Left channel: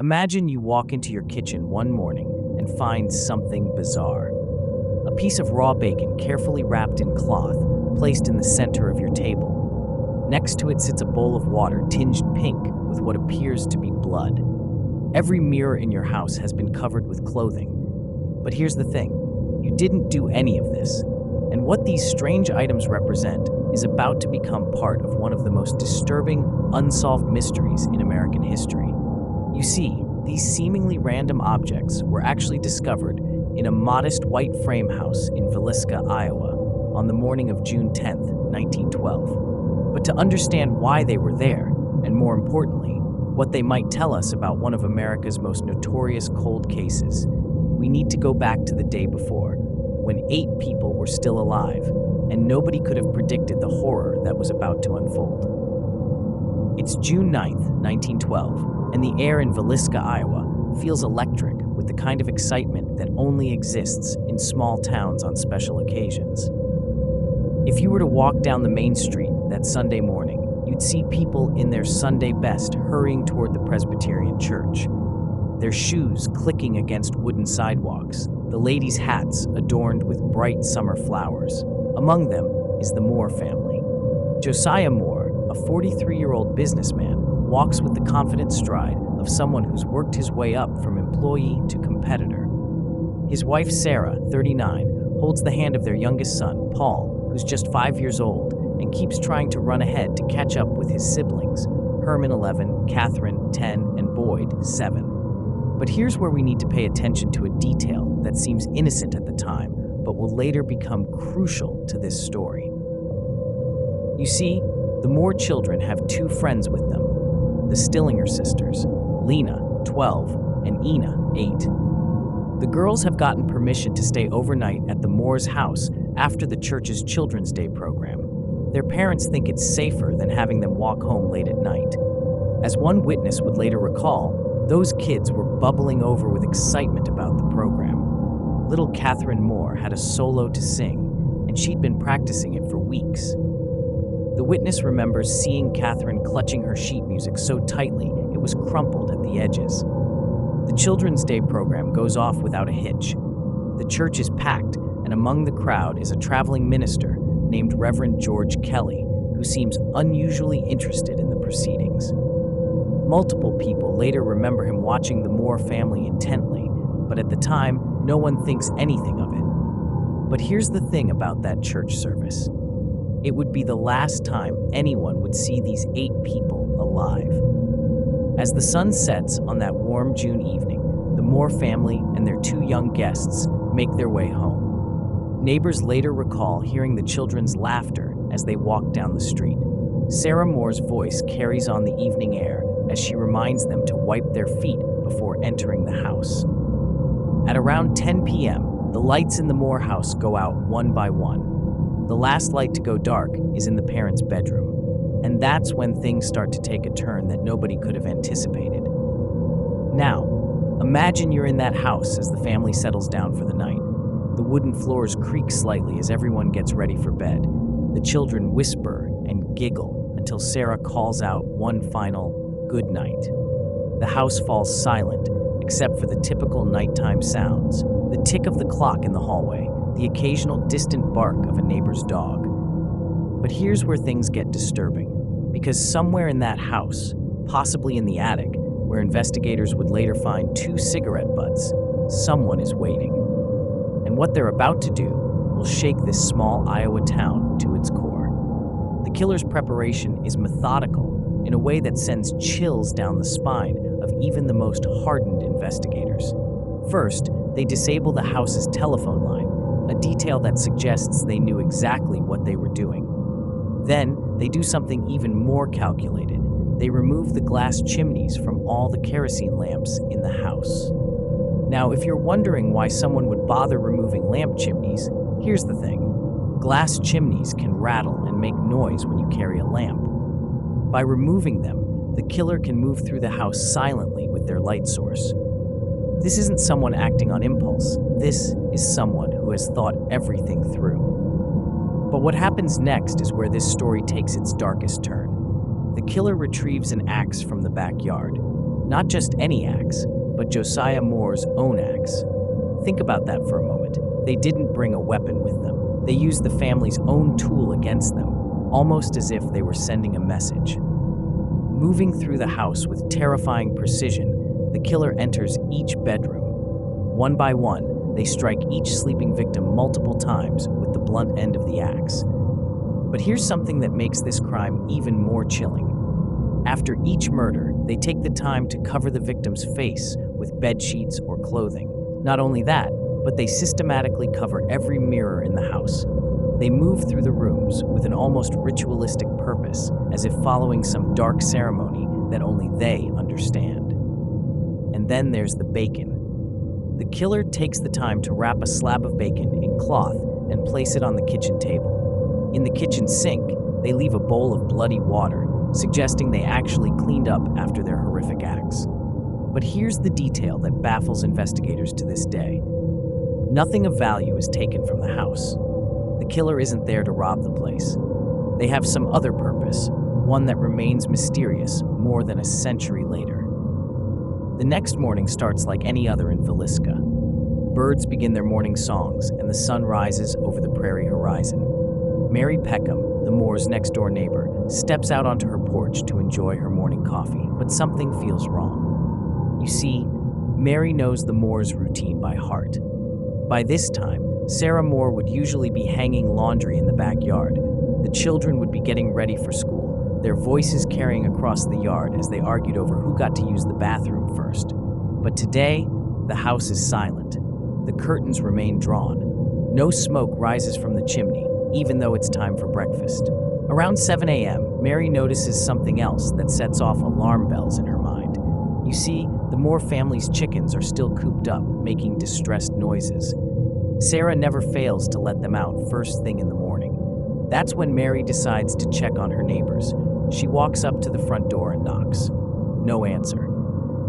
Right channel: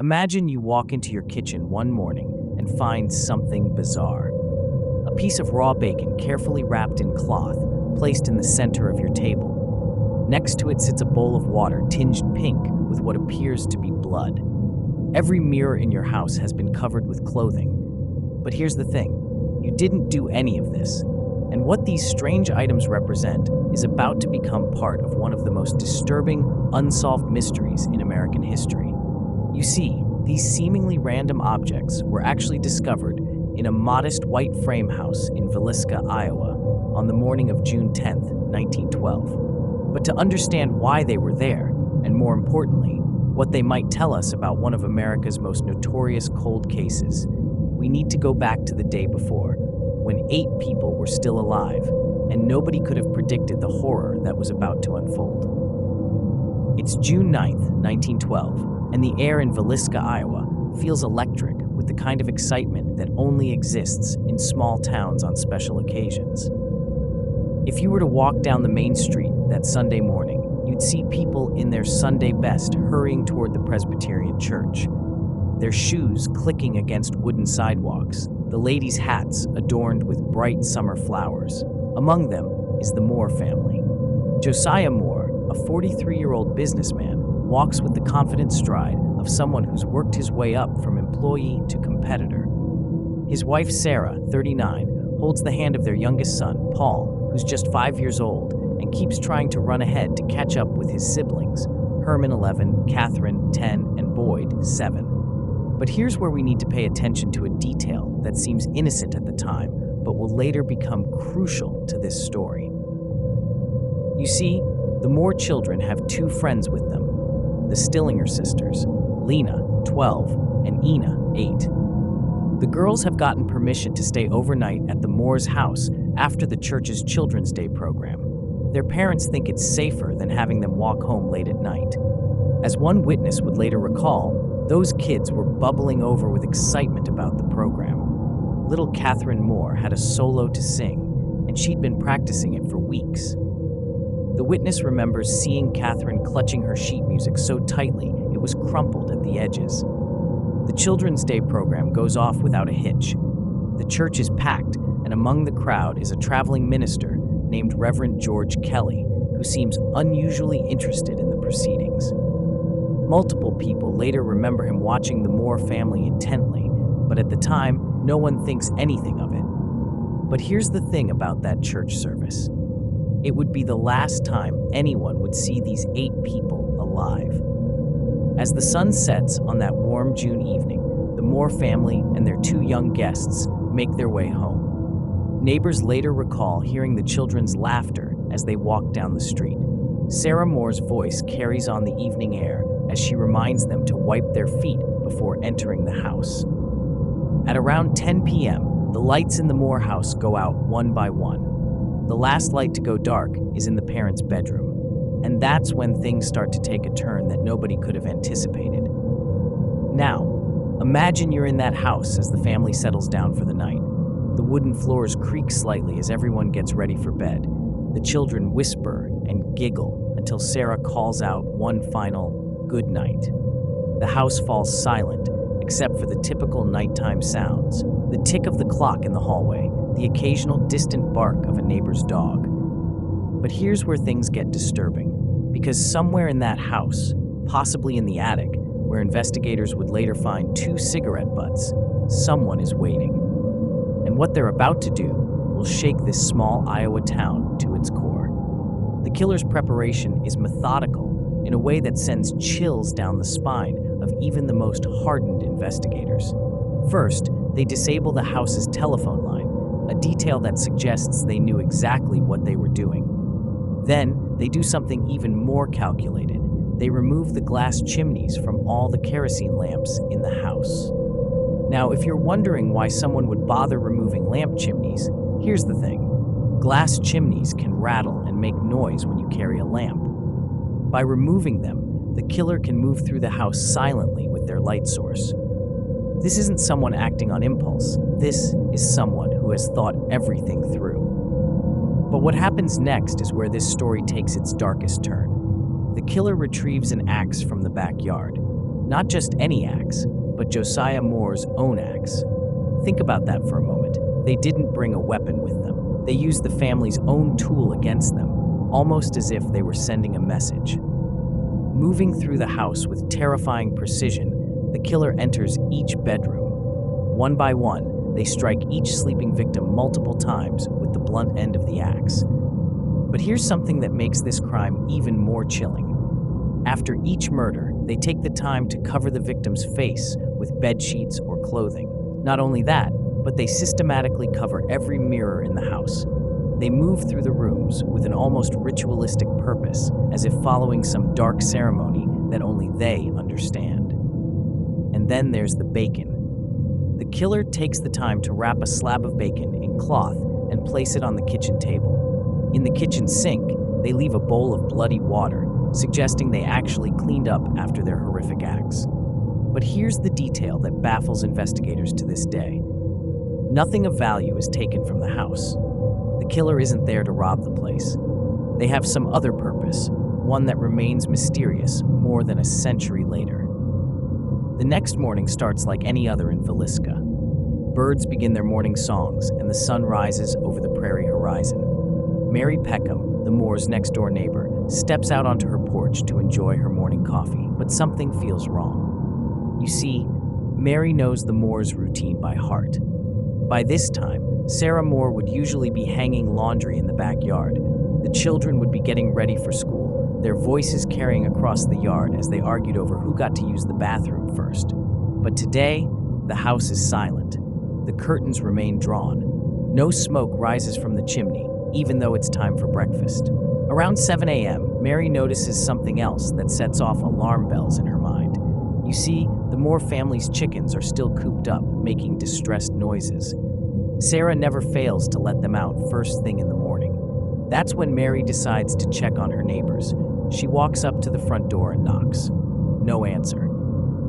Imagine you walk into your kitchen one morning and find something bizarre. A piece of raw bacon carefully wrapped in cloth, placed in the center of your table. Next to it sits a bowl of water tinged pink with what appears to be blood. Every mirror in your house has been covered with clothing. But here's the thing, you didn't do any of this. And what these strange items represent is about to become part of one of the most disturbing, unsolved mysteries in American history. You see, these seemingly random objects were actually discovered in a modest white frame house in Villisca, Iowa, on the morning of June 10, 1912. But to understand why they were there, and more importantly, what they might tell us about one of America's most notorious cold cases, we need to go back to the day before, when 8 people were still alive, and nobody could have predicted the horror that was about to unfold. It's June 9th, 1912, and the air in Villisca, Iowa, feels electric with the kind of excitement that only exists in small towns on special occasions. If you were to walk down the main street that Sunday morning, you'd see people in their Sunday best hurrying toward the Presbyterian church, their shoes clicking against wooden sidewalks, the ladies' hats adorned with bright summer flowers. Among them is the Moore family. Josiah Moore, a 43-year-old businessman, walks with the confident stride of someone who's worked his way up from employee to competitor. His wife, Sarah, 39, holds the hand of their youngest son, Paul, who's just 5 years old and keeps trying to run ahead to catch up with his siblings, Herman, 11, Catherine, 10, and Boyd, 7. But here's where we need to pay attention to a detail that seems innocent at the time, but will later become crucial to this story. You see, the Moore children have 2 friends with them, the Stillinger sisters, Lena, 12, and Ina, 8. The girls have gotten permission to stay overnight at the Moore's house after the church's Children's Day program. Their parents think it's safer than having them walk home late at night. As one witness would later recall, those kids were bubbling over with excitement about the program. Little Catherine Moore had a solo to sing, and she'd been practicing it for weeks. The witness remembers seeing Catherine clutching her sheet music so tightly it was crumpled at the edges. The Children's Day program goes off without a hitch. The church is packed, and among the crowd is a traveling minister named Reverend George Kelly, who seems unusually interested in the proceedings. Multiple people later remember him watching the Moore family intently, but at the time, no one thinks anything of it. But here's the thing about that church service. It would be the last time anyone would see these 8 people alive. As the sun sets on that warm June evening, the Moore family and their 2 young guests make their way home. Neighbors later recall hearing the children's laughter as they walk down the street. Sarah Moore's voice carries on the evening air as she reminds them to wipe their feet before entering the house. At around 10 p.m., the lights in the Moore house go out one by one. The last light to go dark is in the parents' bedroom, and that's when things start to take a turn that nobody could have anticipated. Now, imagine you're in that house as the family settles down for the night. The wooden floors creak slightly as everyone gets ready for bed. The children whisper and giggle until Sarah calls out one final good night. The house falls silent, except for the typical nighttime sounds, the tick of the clock in the hallway, the occasional distant bark of a neighbor's dog. But here's where things get disturbing, because somewhere in that house, possibly in the attic, where investigators would later find 2 cigarette butts, someone is waiting. And what they're about to do will shake this small Iowa town to its core. The killer's preparation is methodical in a way that sends chills down the spine of even the most hardened investigators. First, they disable the house's telephone line, a detail that suggests they knew exactly what they were doing. Then, they do something even more calculated. They remove the glass chimneys from all the kerosene lamps in the house. Now, if you're wondering why someone would bother removing lamp chimneys, here's the thing. Glass chimneys can rattle and make noise when you carry a lamp. By removing them, the killer can move through the house silently with their light source. This isn't someone acting on impulse. This is someone who has thought everything through. But what happens next is where this story takes its darkest turn. The killer retrieves an axe from the backyard. Not just any axe, but Josiah Moore's own axe. Think about that for a moment. They didn't bring a weapon with them. They used the family's own tool against them, almost as if they were sending a message. Moving through the house with terrifying precision, the killer enters each bedroom. One by one, they strike each sleeping victim multiple times with the blunt end of the axe. But here's something that makes this crime even more chilling. After each murder, they take the time to cover the victim's face with bed sheets or clothing. Not only that, but they systematically cover every mirror in the house. They move through the rooms with an almost ritualistic purpose, as if following some dark ceremony that only they understand. And then there's the bacon. The killer takes the time to wrap a slab of bacon in cloth and place it on the kitchen table. In the kitchen sink, they leave a bowl of bloody water, suggesting they actually cleaned up after their horrific acts. But here's the detail that baffles investigators to this day. Nothing of value is taken from the house. The killer isn't there to rob the place. They have some other purpose, one that remains mysterious more than a century later. The next morning starts like any other in Villisca. Birds begin their morning songs, and the sun rises over the prairie horizon. Mary Peckham, the Moore's next-door neighbor, steps out onto her porch to enjoy her morning coffee, but something feels wrong. You see, Mary knows the Moore's routine by heart. By this time, Sarah Moore would usually be hanging laundry in the backyard. The children would be getting ready for school, their voices carrying across the yard as they argued over who got to use the bathroom first. But today, the house is silent. The curtains remain drawn. No smoke rises from the chimney, even though it's time for breakfast. Around 7 a.m., Mary notices something else that sets off alarm bells in her mind. You see, the Moore family's chickens are still cooped up, making distressed noises. Sarah never fails to let them out first thing in the morning. That's when Mary decides to check on her neighbors. She walks up to the front door and knocks. No answer.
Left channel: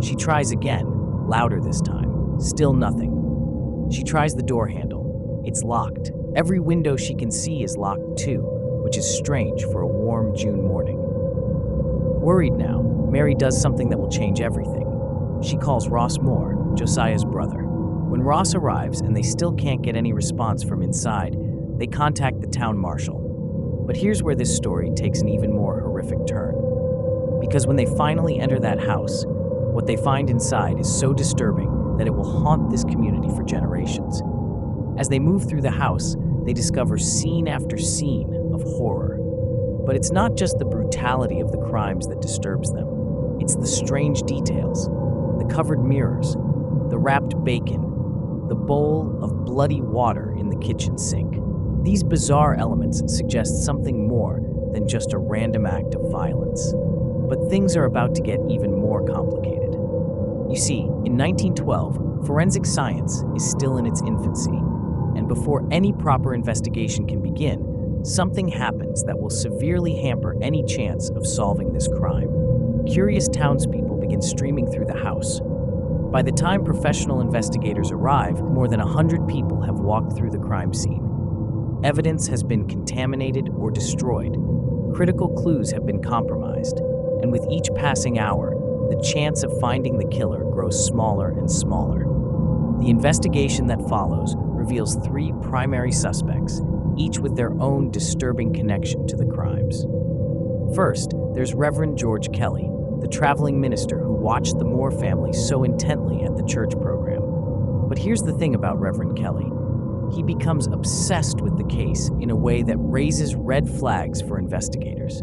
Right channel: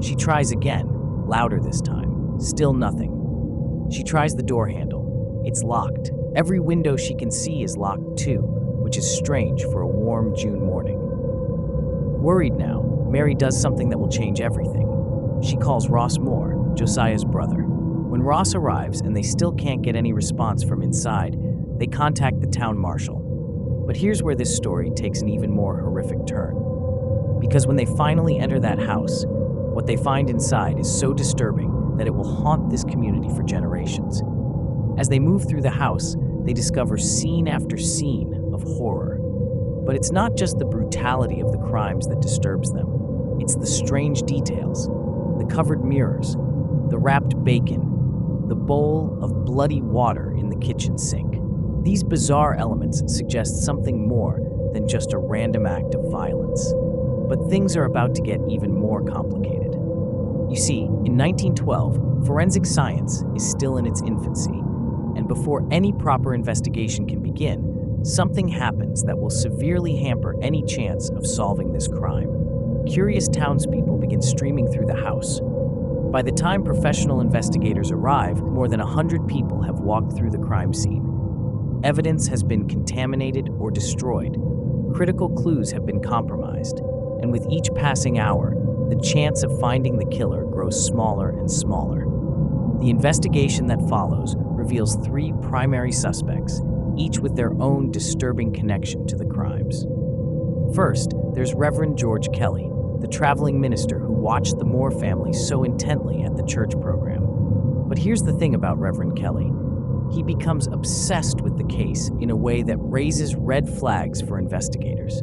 She tries again, louder this time. Still nothing. She tries the door handle. It's locked. Every window she can see is locked too, which is strange for a warm June morning. Worried now, Mary does something that will change everything. She calls Ross Moore, Josiah's brother. When Ross arrives and they still can't get any response from inside, they contact the town marshal. But here's where this story takes an even more horrific turn. Because when they finally enter that house, what they find inside is so disturbing that it will haunt this community for generations. As they move through the house, they discover scene after scene of horror. But it's not just the brutality of the crimes that disturbs them. It's the strange details, the covered mirrors, the wrapped bacon, the bowl of bloody water in the kitchen sink. These bizarre elements suggest something more than just a random act of violence. But things are about to get even more complicated. You see, in 1912, forensic science is still in its infancy, and before any proper investigation can begin, something happens that will severely hamper any chance of solving this crime. Curious townspeople begin streaming through the house. By the time professional investigators arrive, more than 100 people have walked through the crime scene. Evidence has been contaminated or destroyed. Critical clues have been compromised. And with each passing hour, the chance of finding the killer grows smaller and smaller. The investigation that follows reveals 3 primary suspects, each with their own disturbing connection to the crimes. First, there's Reverend George Kelly, the traveling minister who watched the Moore family so intently at the church program. But here's the thing about Reverend Kelly. He becomes obsessed with the case in a way that raises red flags for investigators.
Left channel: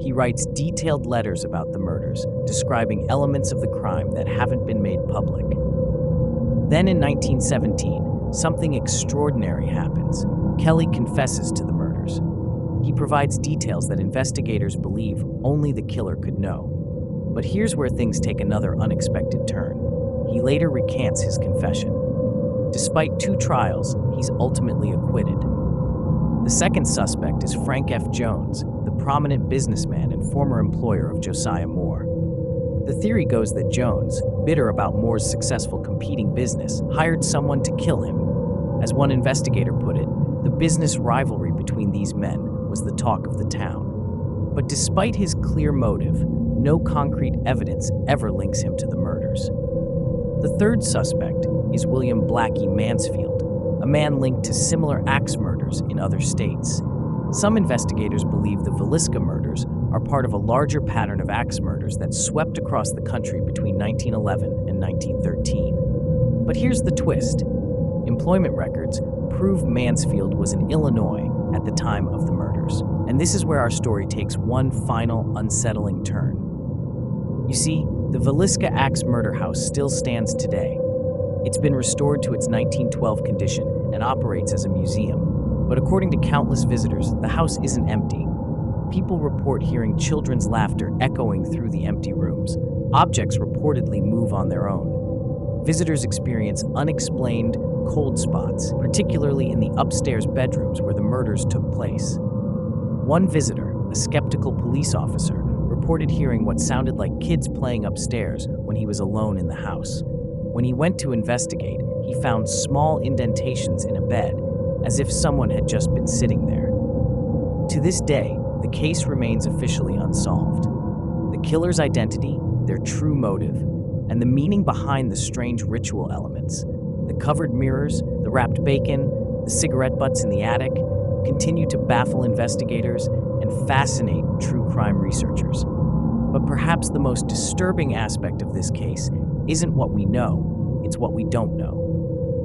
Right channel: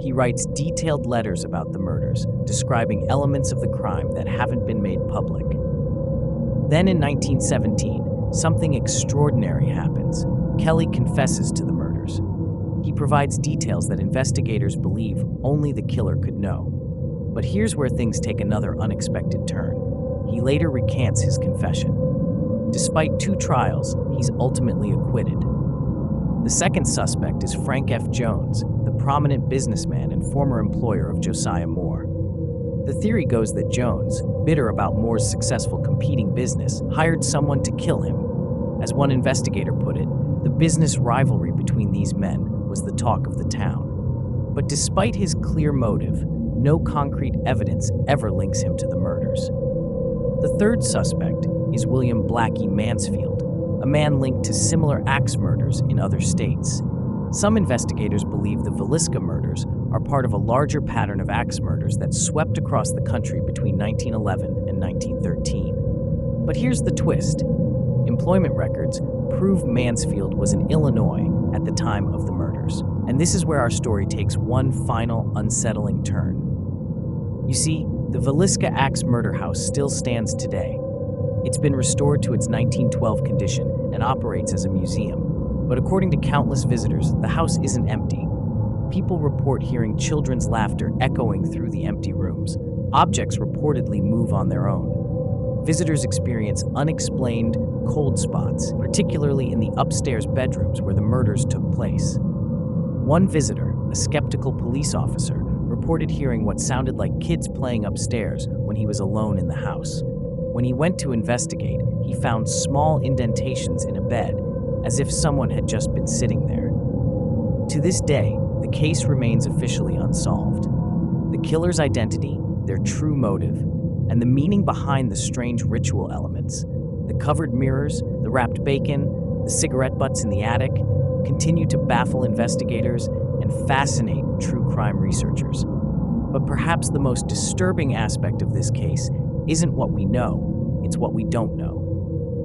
He writes detailed letters about the murders, describing elements of the crime that haven't been made public. Then in 1917, something extraordinary happens. Kelly confesses to the murders. He provides details that investigators believe only the killer could know. But here's where things take another unexpected turn. He later recants his confession. Despite 2 trials, he's ultimately acquitted. The second suspect is Frank F. Jones, the prominent businessman and former employer of Josiah Moore. The theory goes that Jones, bitter about Moore's successful competing business, hired someone to kill him. As one investigator put it, the business rivalry between these men was the talk of the town. But despite his clear motive, no concrete evidence ever links him to the murders. The third suspect is William Blackie Mansfield, a man linked to similar axe murders in other states. Some investigators believe the Villisca murders are part of a larger pattern of axe murders that swept across the country between 1911 and 1913. But here's the twist. Employment records prove Mansfield was in Illinois at the time of the murders. And this is where our story takes one final unsettling turn. You see, the Villisca Axe Murder House still stands today. It's been restored to its 1912 condition and operates as a museum. But according to countless visitors, the house isn't empty. People report hearing children's laughter echoing through the empty rooms. Objects reportedly move on their own. Visitors experience unexplained cold spots, particularly in the upstairs bedrooms where the murders took place. One visitor, a skeptical police officer, reported hearing what sounded like kids playing upstairs when he was alone in the house. When he went to investigate, he found small indentations in a bed, as if someone had just been sitting there. To this day, the case remains officially unsolved. The killer's identity, their true motive, and the meaning behind the strange ritual elements, the covered mirrors, the wrapped bacon, the cigarette butts in the attic, continue to baffle investigators and fascinate true crime researchers. But perhaps the most disturbing aspect of this case isn't what we know, it's what we don't know.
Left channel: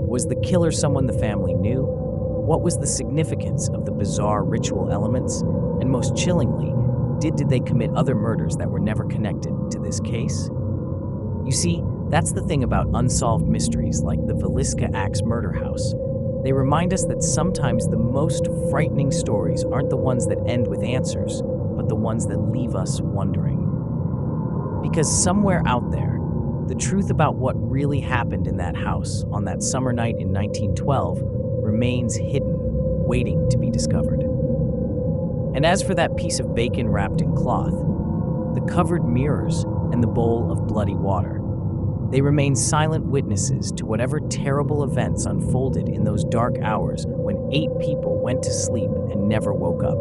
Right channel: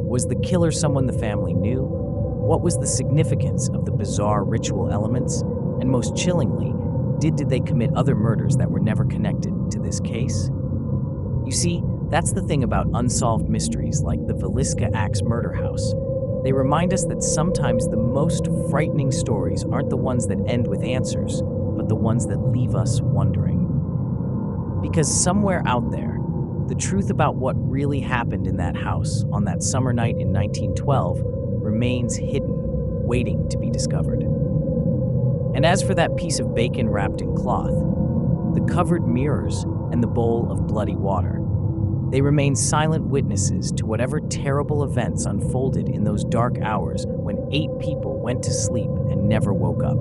Was the killer someone the family knew? What was the significance of the bizarre ritual elements? And most chillingly, did they commit other murders that were never connected to this case? You see, that's the thing about unsolved mysteries like the Villisca Axe Murder House. They remind us that sometimes the most frightening stories aren't the ones that end with answers, but the ones that leave us wondering. Because somewhere out there, the truth about what really happened in that house on that summer night in 1912 remains hidden, waiting to be discovered. And as for that piece of bacon wrapped in cloth, the covered mirrors and the bowl of bloody water, they remain silent witnesses to whatever terrible events unfolded in those dark hours when 8 people went to sleep and never woke up.